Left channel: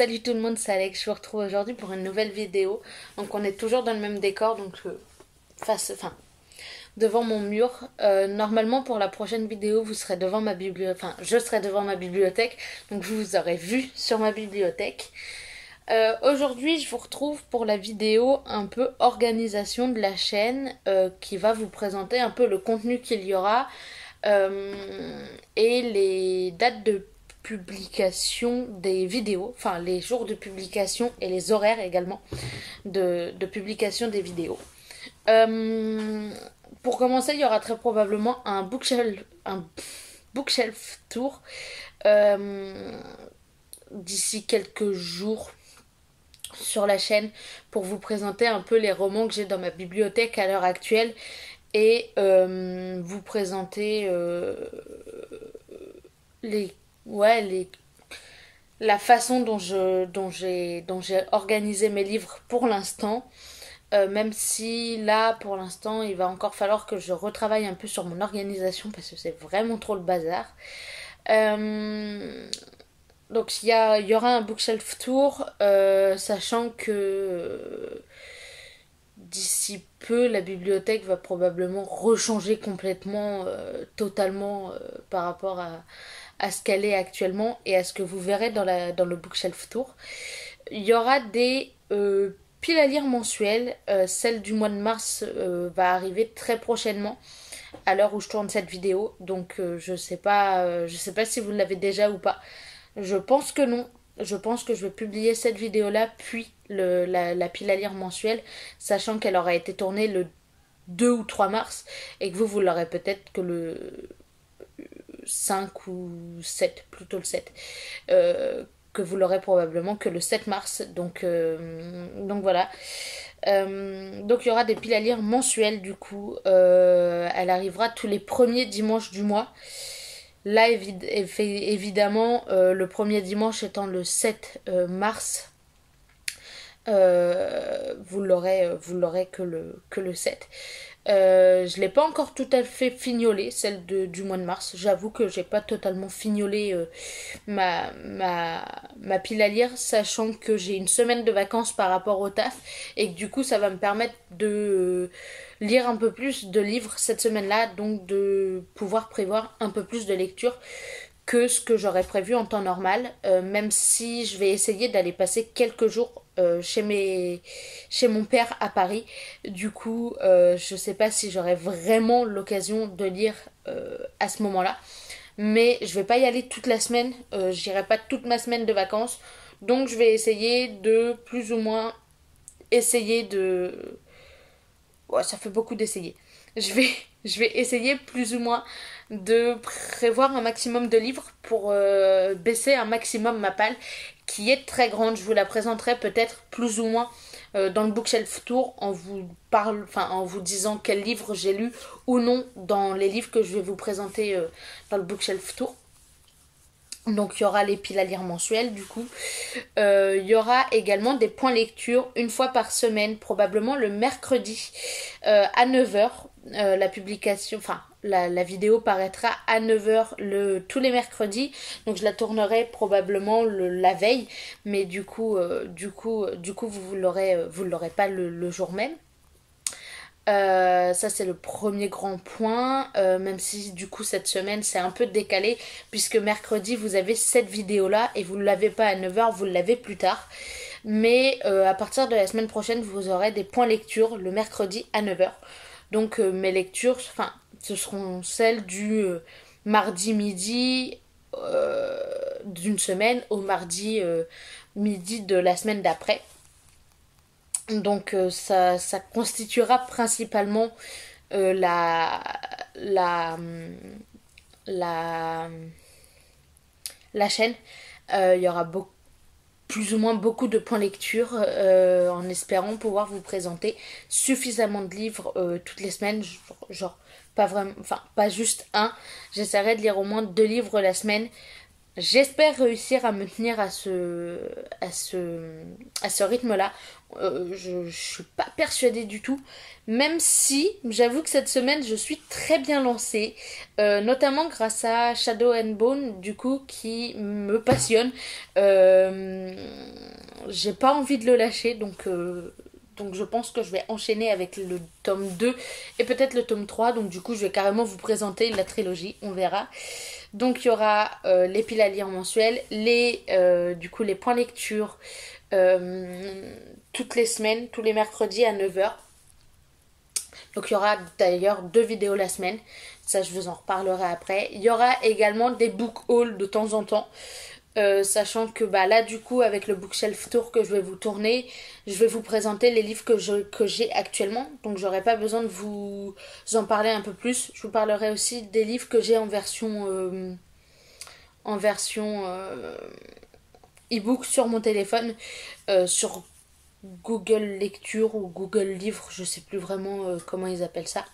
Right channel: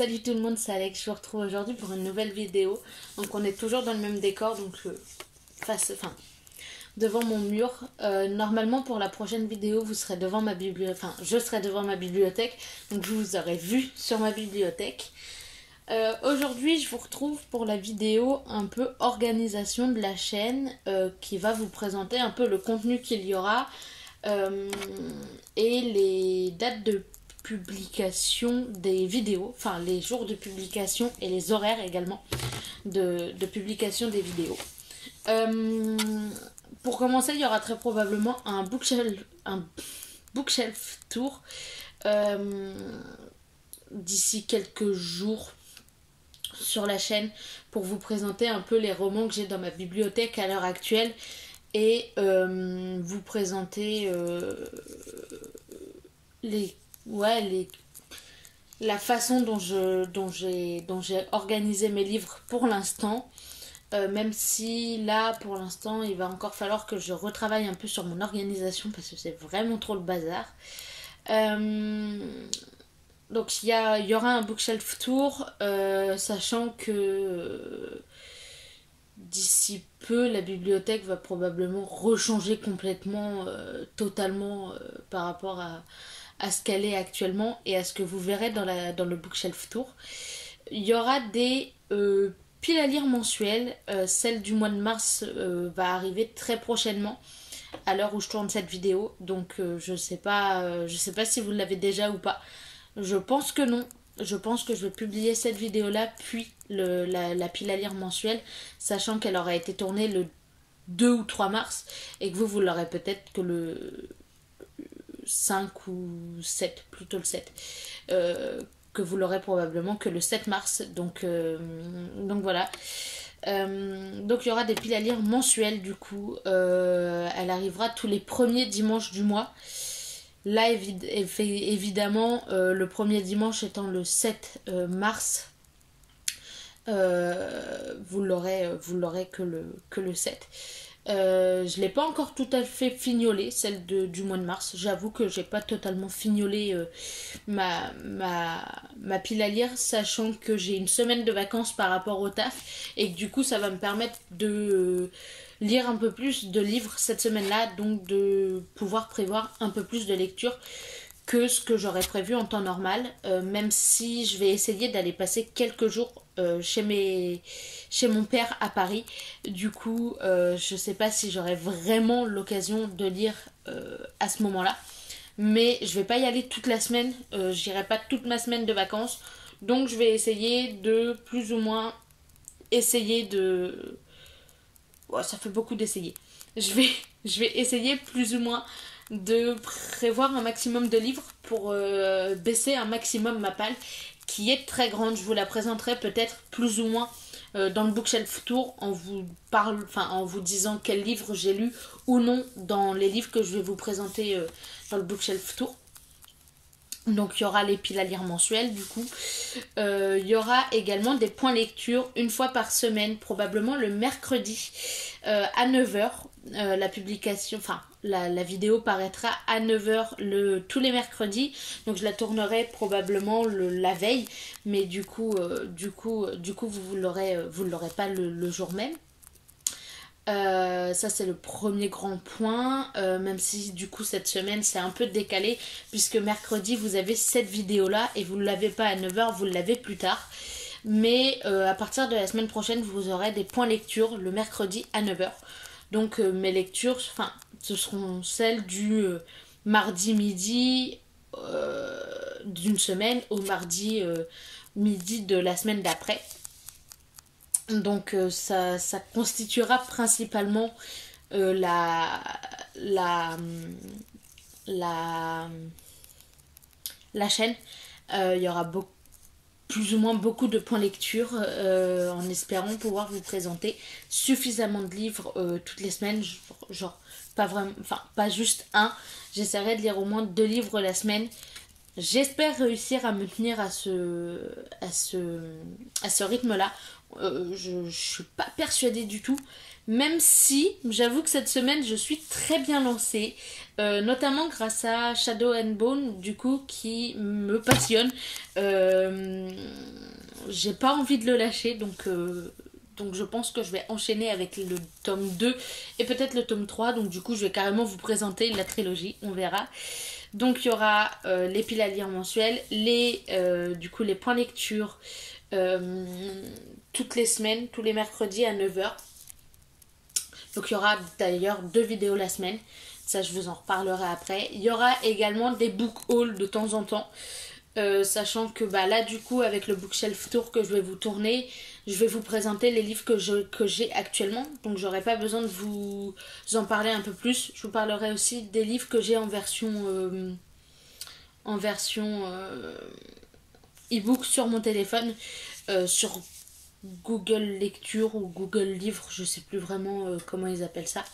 Salut tout le monde, c'est Alex, je vous retrouve aujourd'hui pour une nouvelle vidéo. Donc on est toujours dans le même décor, donc devant mon mur. Normalement pour la prochaine vidéo, vous serez devant ma bibliothèque, je serai devant ma bibliothèque, donc vous vous aurez vu sur ma bibliothèque. Aujourd'hui je vous retrouve pour la vidéo un peu organisation de la chaîne, qui va vous présenter un peu le contenu qu'il y aura, et les dates de publication des vidéos, enfin les jours de publication et les horaires également de publication des vidéos. Pour commencer, il y aura très probablement un bookshelf tour d'ici quelques jours sur la chaîne pour vous présenter un peu les romans que j'ai dans ma bibliothèque à l'heure actuelle et vous présenter la façon dont j'ai organisé mes livres pour l'instant, même si là pour l'instant il va encore falloir que je retravaille un peu sur mon organisation parce que c'est vraiment trop le bazar. Donc il y aura un bookshelf tour, sachant que d'ici peu la bibliothèque va probablement rechanger complètement, totalement, par rapport à ce qu'elle est actuellement et à ce que vous verrez dans le bookshelf tour. Il y aura des piles à lire mensuelles. Celle du mois de mars va arriver très prochainement à l'heure où je tourne cette vidéo, donc je sais pas si vous l'avez déjà ou pas. Je pense que non. Je pense que je vais publier cette vidéo là puis la pile à lire mensuelle, sachant qu'elle aura été tournée le 2 ou 3 mars et que vous l'aurez peut-être que le 5 ou 7, plutôt le 7, que vous l'aurez probablement que le 7 mars, donc voilà. Donc il y aura des piles à lire mensuelles du coup, elle arrivera tous les premiers dimanches du mois. Là évidemment, le premier dimanche étant le 7 mars, vous l'aurez que le 7. Je l'ai pas encore tout à fait fignolé, celle du mois de mars. J'avoue que j'ai pas totalement fignolé ma pile à lire, sachant que j'ai une semaine de vacances par rapport au taf et que du coup ça va me permettre de lire un peu plus de livres cette semaine-là, donc de pouvoir prévoir un peu plus de lecture que ce que j'aurais prévu en temps normal, même si je vais essayer d'aller passer quelques jours chez mon père à Paris. Du coup, je sais pas si j'aurai vraiment l'occasion de lire à ce moment-là, mais je vais pas y aller toute la semaine, j'irai pas toute ma semaine de vacances, donc je vais essayer de plus ou moins ouais, ça fait beaucoup d'essayer. Je vais essayer plus ou moins de prévoir un maximum de livres pour baisser un maximum ma palle qui est très grande. Je vous la présenterai peut-être plus ou moins dans le bookshelf tour en vous disant quels livres j'ai lu ou non dans les livres que je vais vous présenter dans le bookshelf tour. Donc il y aura les piles à lire mensuelles du coup. Il y aura également des points lecture une fois par semaine, probablement le mercredi à 9h. La publication, la vidéo paraîtra à 9h tous les mercredis. Donc je la tournerai probablement la veille, mais du coup vous l'aurez pas le jour même. Ça c'est le premier grand point, même si du coup cette semaine c'est un peu décalé puisque mercredi vous avez cette vidéo là et vous ne l'avez pas à 9h, vous l'avez plus tard, mais à partir de la semaine prochaine vous aurez des points lecture le mercredi à 9h. Donc mes lectures, ce seront celles du mardi midi d'une semaine au mardi midi de la semaine d'après. Donc ça constituera principalement la chaîne. Il y aura plus ou moins beaucoup de points lecture, en espérant pouvoir vous présenter suffisamment de livres toutes les semaines, genre pas juste un. J'essaierai de lire au moins 2 livres la semaine J'espère réussir à me tenir à ce rythme-là. Je ne suis pas persuadée du tout. Même si, j'avoue que cette semaine, je suis très bien lancée. Notamment grâce à Shadow and Bone, du coup, qui me passionne. J'ai pas envie de le lâcher, donc je pense que je vais enchaîner avec le tome 2 et peut-être le tome 3. Donc du coup, je vais carrément vous présenter la trilogie, on verra. Donc il y aura les piles à lire mensuelles, du coup les points lecture toutes les semaines, tous les mercredis à 9h. Donc il y aura d'ailleurs 2 vidéos la semaine, ça je vous en reparlerai après. Il y aura également des book hauls de temps en temps. Sachant que là du coup avec le bookshelf tour que je vais vous tourner, je vais vous présenter les livres que j'ai actuellement, donc j'aurai pas besoin de vous en parler un peu plus. Je vous parlerai aussi des livres que j'ai en version e-book sur mon téléphone, sur Google Lecture ou Google Livre, je sais plus vraiment comment ils appellent ça.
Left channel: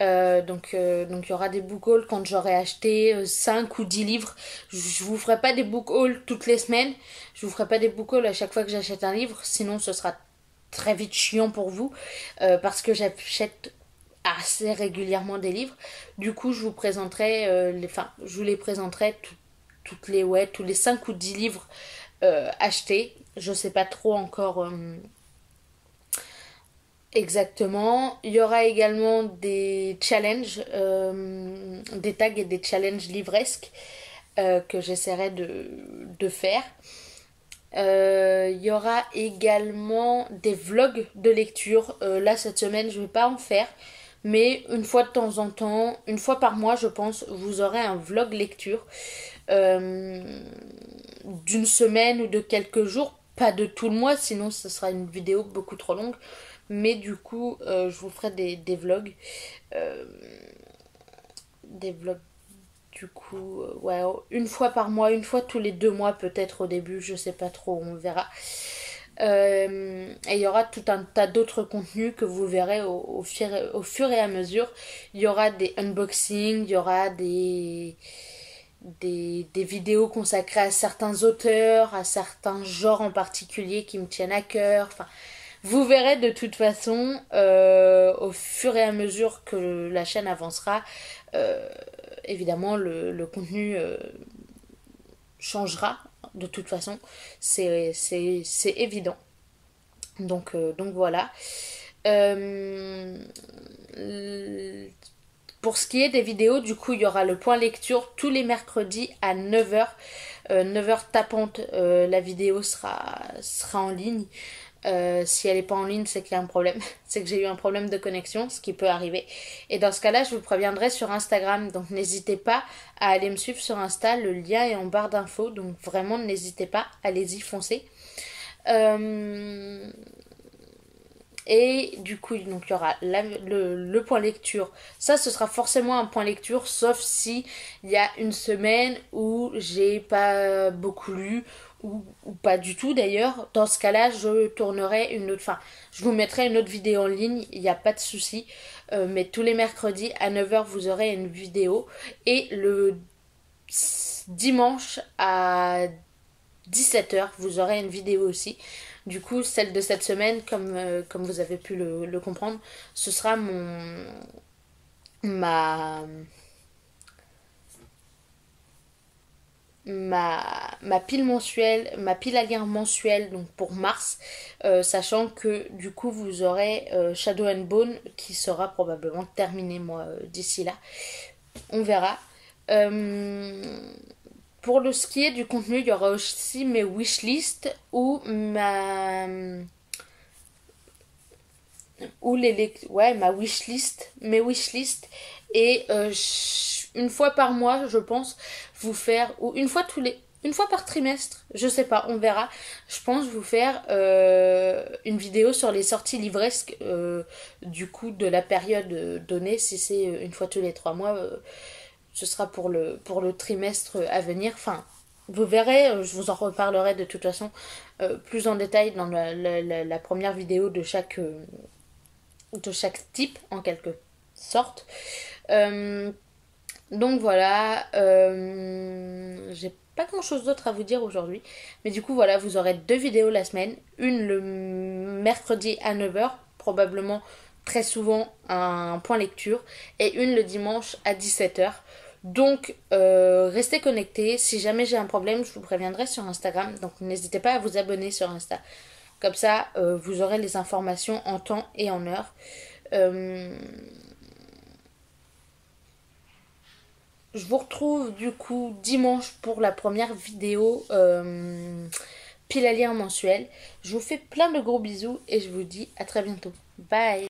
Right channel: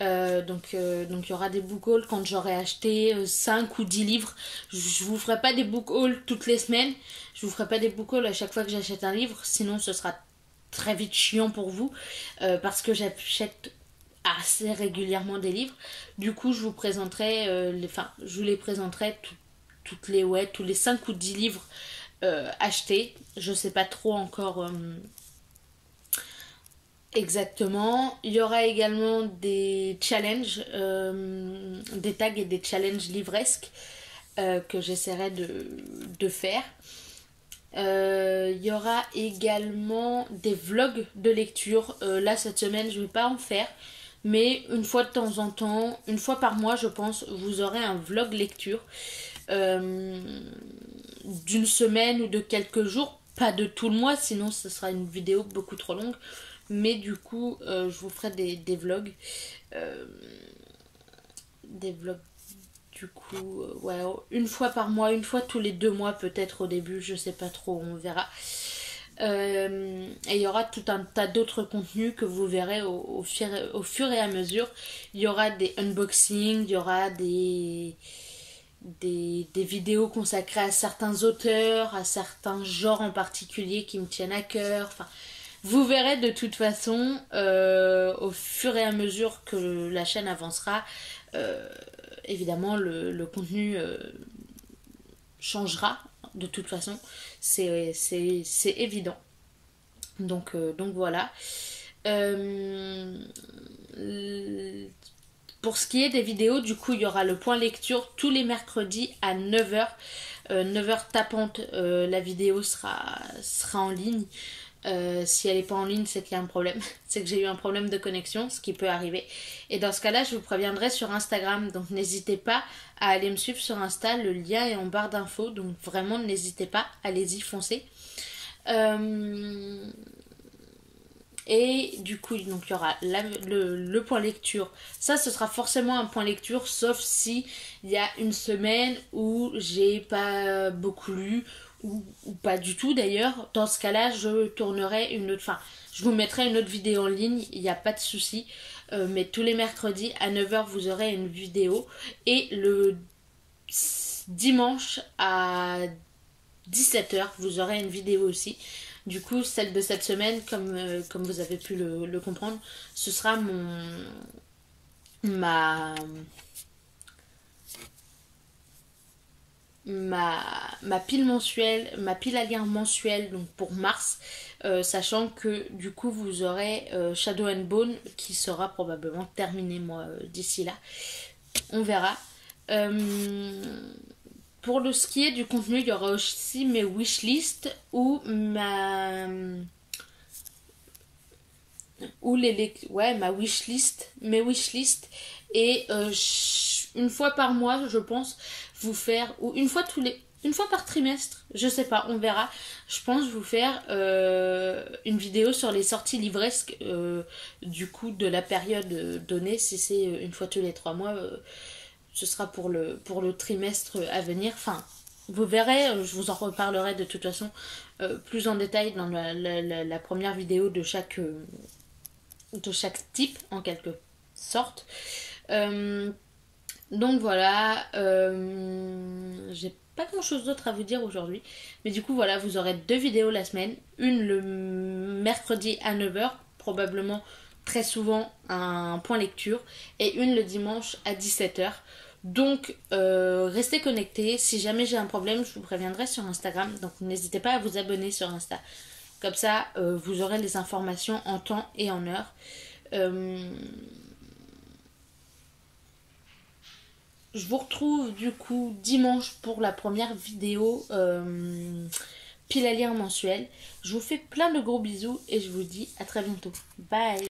Donc il y aura des book hauls quand j'aurai acheté 5 ou 10 livres. Je vous ferai pas des book hauls toutes les semaines. Je vous ferai pas des book hauls à chaque fois que j'achète un livre. Sinon ce sera très vite chiant pour vous. Parce que j'achète assez régulièrement des livres. Du coup je vous présenterai je vous les présenterai tous les 5 ou 10 livres achetés. Je sais pas trop encore exactement. Il y aura également des challenges, des tags et des challenges livresques que j'essaierai de faire. Il y aura également des vlogs de lecture. Là, cette semaine, je ne vais pas en faire. Mais une fois de temps en temps, une fois par mois, je pense, vous aurez un vlog lecture d'une semaine ou de quelques jours. Pas de tout le mois, sinon ce sera une vidéo beaucoup trop longue. Mais du coup, je vous ferai des vlogs. Des vlogs, du coup, ouais, une fois par mois, une fois tous les 2 mois peut-être au début, je sais pas trop, on verra. Et il y aura tout un tas d'autres contenus que vous verrez au fur et à mesure. Il y aura des unboxings, il y aura des vidéos consacrées à certains auteurs, à certains genres en particulier qui me tiennent à cœur. Enfin, vous verrez de toute façon, au fur et à mesure que la chaîne avancera, évidemment le contenu changera de toute façon. C'est évident. Donc voilà. Pour ce qui est des vidéos, du coup, il y aura le point lecture tous les mercredis à 9h. 9h tapante, la vidéo sera en ligne. Si elle n'est pas en ligne, c'est qu'il y a un problème. C'est que j'ai eu un problème de connexion, ce qui peut arriver. Et dans ce cas-là, je vous préviendrai sur Instagram. Donc n'hésitez pas à aller me suivre sur Insta. Le lien est en barre d'infos. Donc vraiment, n'hésitez pas. Allez-y, foncez. Et du coup, donc il y aura le point lecture. Ça, ce sera forcément un point lecture, sauf si il y a une semaine où j'ai pas beaucoup lu, ou pas du tout d'ailleurs. Dans ce cas-là, je tournerai une autre. Enfin, je vous mettrai une autre vidéo en ligne, il n'y a pas de souci. Mais tous les mercredis à 9h, vous aurez une vidéo. Et le dimanche à 17h, vous aurez une vidéo aussi. Du coup, celle de cette semaine, comme vous avez pu le comprendre, ce sera ma pile mensuelle, ma pile à lire mensuelle, donc pour mars, sachant que du coup vous aurez Shadow and Bone qui sera probablement terminé moi d'ici là. On verra. Pour ce qui est du contenu, il y aura aussi mes wishlist ou ma wishlist, mes wishlists, et une fois par mois, je pense vous faire, ou une fois par trimestre, je sais pas, on verra. Je pense vous faire une vidéo sur les sorties livresques du coup de la période donnée. Si c'est une fois tous les 3 mois, ce sera pour le trimestre à venir. Enfin, vous verrez, je vous en reparlerai de toute façon plus en détail dans la première vidéo de chaque type en quelque sorte. Donc voilà, j'ai pas grand chose d'autre à vous dire aujourd'hui. Mais du coup, voilà, vous aurez 2 vidéos la semaine. Une le mercredi à 9 h, probablement très souvent un point lecture. Et une le dimanche à 17 h. Donc, restez connectés. Si jamais j'ai un problème, je vous préviendrai sur Instagram. Donc, n'hésitez pas à vous abonner sur Insta. Comme ça, vous aurez les informations en temps et en heure. Je vous retrouve du coup dimanche pour la première vidéo pile à lire mensuelle. Je vous fais plein de gros bisous et je vous dis à très bientôt. Bye!